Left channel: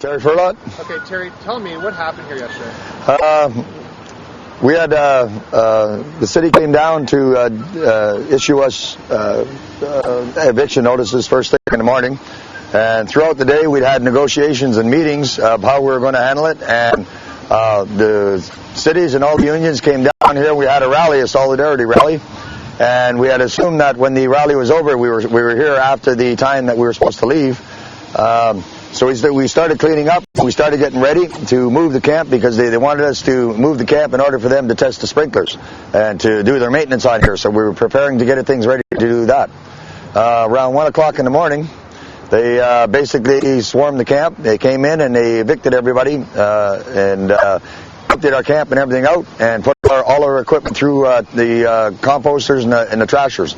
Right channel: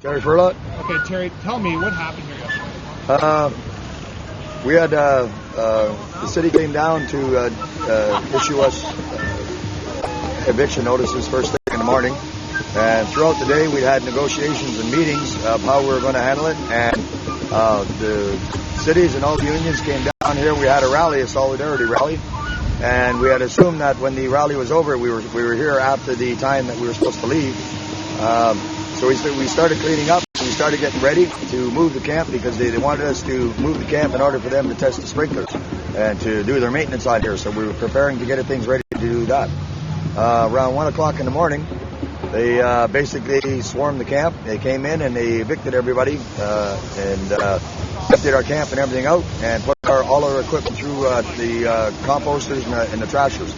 Terry Furlot. Okay, Terry, tell me what happened here yesterday. We had the city came down to issue us eviction notices first thing in the morning, and throughout the day we had negotiations and meetings of how we were going to handle it. And the cities and all the unions came down here. We had a rally, a solidarity rally, and we had assumed that when the rally was over, we were here after the time that we were supposed to leave. So we started cleaning up. We started getting ready to move the camp because they wanted us to move the camp in order for them to test the sprinklers and to do their maintenance on here. So we were preparing to get things ready to do that. Around 1 o'clock in the morning, they basically swarmed the camp. They came in and they evicted everybody and emptied our camp and everything out and put all our equipment through the composters and the trashers.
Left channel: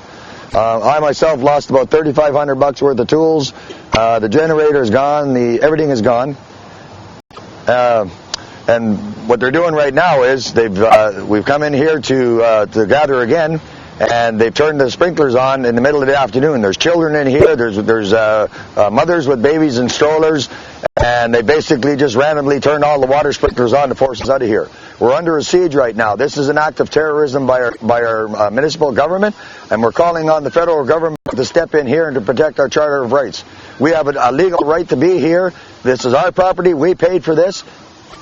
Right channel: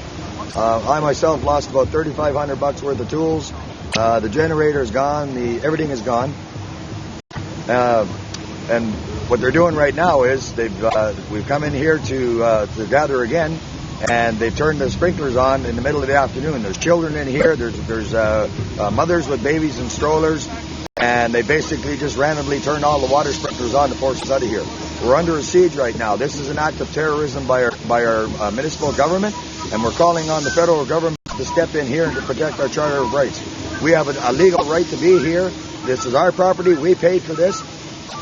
I myself lost about $3,500 worth of tools. The generator is gone. Everything is gone. And what they're doing right now is we've come in here to gather again, and they've turned the sprinklers on in the middle of the afternoon. There's children in here. There's mothers with babies and strollers, and they basically just randomly turned all the water sprinklers on to force us out of here. We're under a siege right now. This is an act of terrorism by our municipal government, and we're calling on the federal government to step in here and to protect our Charter of Rights. We have a legal right to be here. This is our property. We paid for this,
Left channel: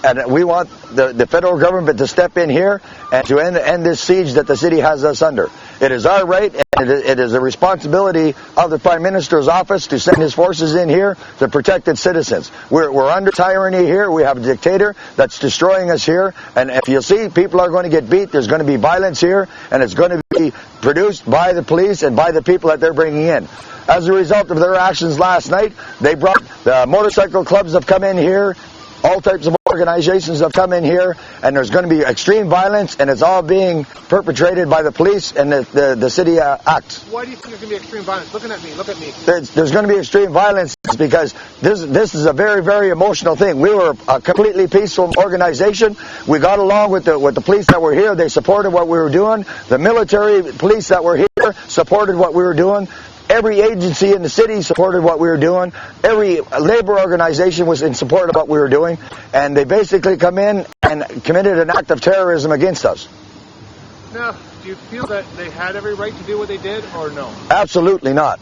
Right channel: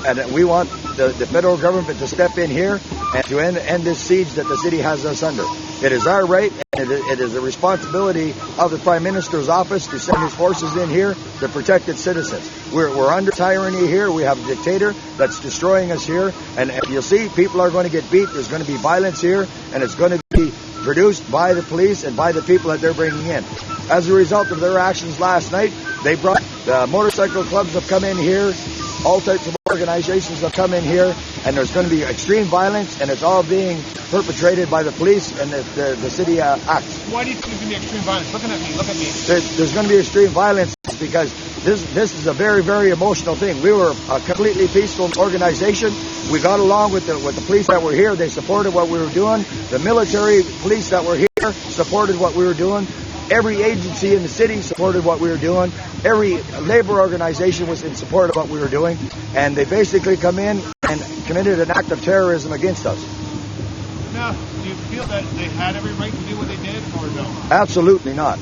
and we want the federal government to step in here and to end this siege that the city has us under. It is our right, and it is a responsibility of the Prime Minister's office to send his forces in here to protect its citizens. We're under tyranny here. We have a dictator that's destroying us here, and if you see, people are going to get beat. There's going to be violence here, and it's going to be produced by the police and by the people that they're bringing in. As a result of their actions last night, they brought the motorcycle clubs have come in here, all types of organizations have come in here, and there's going to be extreme violence, and it's all being perpetrated by the police and the city acts. Why do you think there's going to be extreme violence? Look at me. There's going to be extreme violence because this is a very, very emotional thing. We were a completely peaceful organization. We got along with the police that were here. They supported what we were doing. The military police that were here supported what we were doing. Every agency in the city supported what we were doing. Every labor organization was in support of what we were doing. And they basically come in and committed an act of terrorism against us. Now, do you feel that they had every right to do what they did, or no? Absolutely not.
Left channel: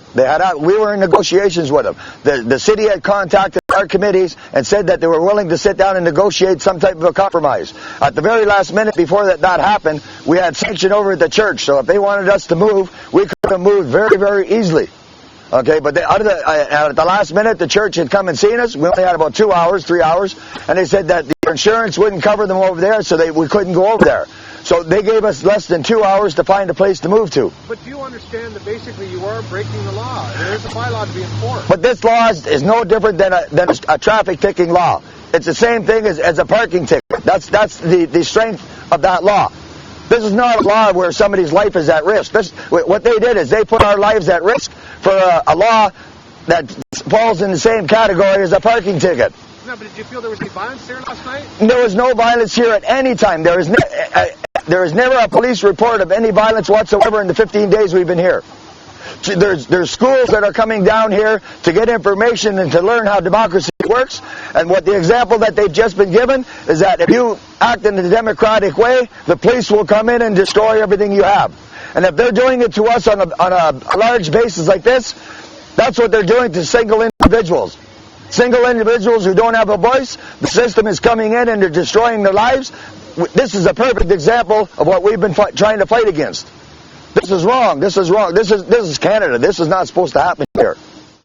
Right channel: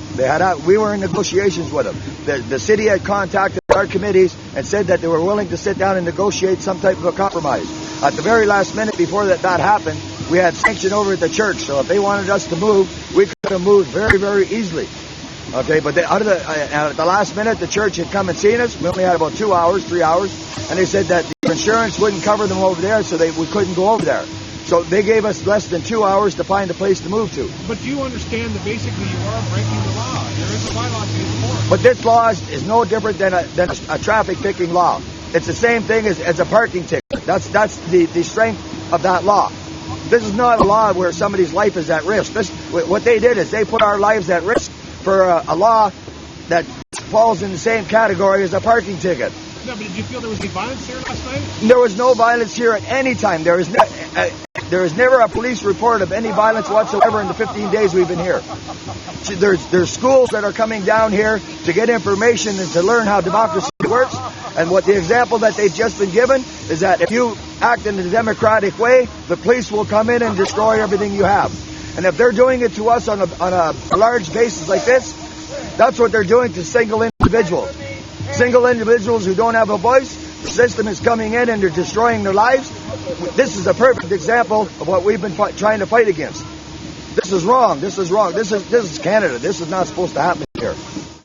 We were in negotiations with them. The city had contacted our committees and said that they were willing to sit down and negotiate some type of a compromise. At the very last minute before that happened, we had sanction over at the church. So if they wanted us to move, we could have moved very, very easily. Okay, but at the last minute, the church had come and seen us. We only had about 3 hours, and they said that the insurance wouldn't cover them over there, so we couldn't go over there. So they gave us less than 2 hours to find a place to move to. But do you understand that basically you are breaking the law? There is a bylaw being enforced. But this law is no different than a traffic ticking law. It's the same thing as a parking ticket. That's the strength of that law. This is not a law where somebody's life is at risk. What they did is they put our lives at risk for a law that falls in the same category as a parking ticket. No, but did you feel there was any violence here last night? There was no violence here at any time. There was never a police report of any violence whatsoever in the 15 days we've been here. There's schools that are coming down here to get information and to learn how democracy works. And what the example that they've just been given is that if you act in a democratic way, the police will come in and destroy everything you have. And if they're doing it to us on a large basis like this, that's what they're doing to single individuals. Single individuals who don't have a voice, the system is coming in and they're destroying their lives. This is a perfect example of what we've been trying to fight against. This is wrong. This is wrong. This is Canada. This is not supposed to happen here.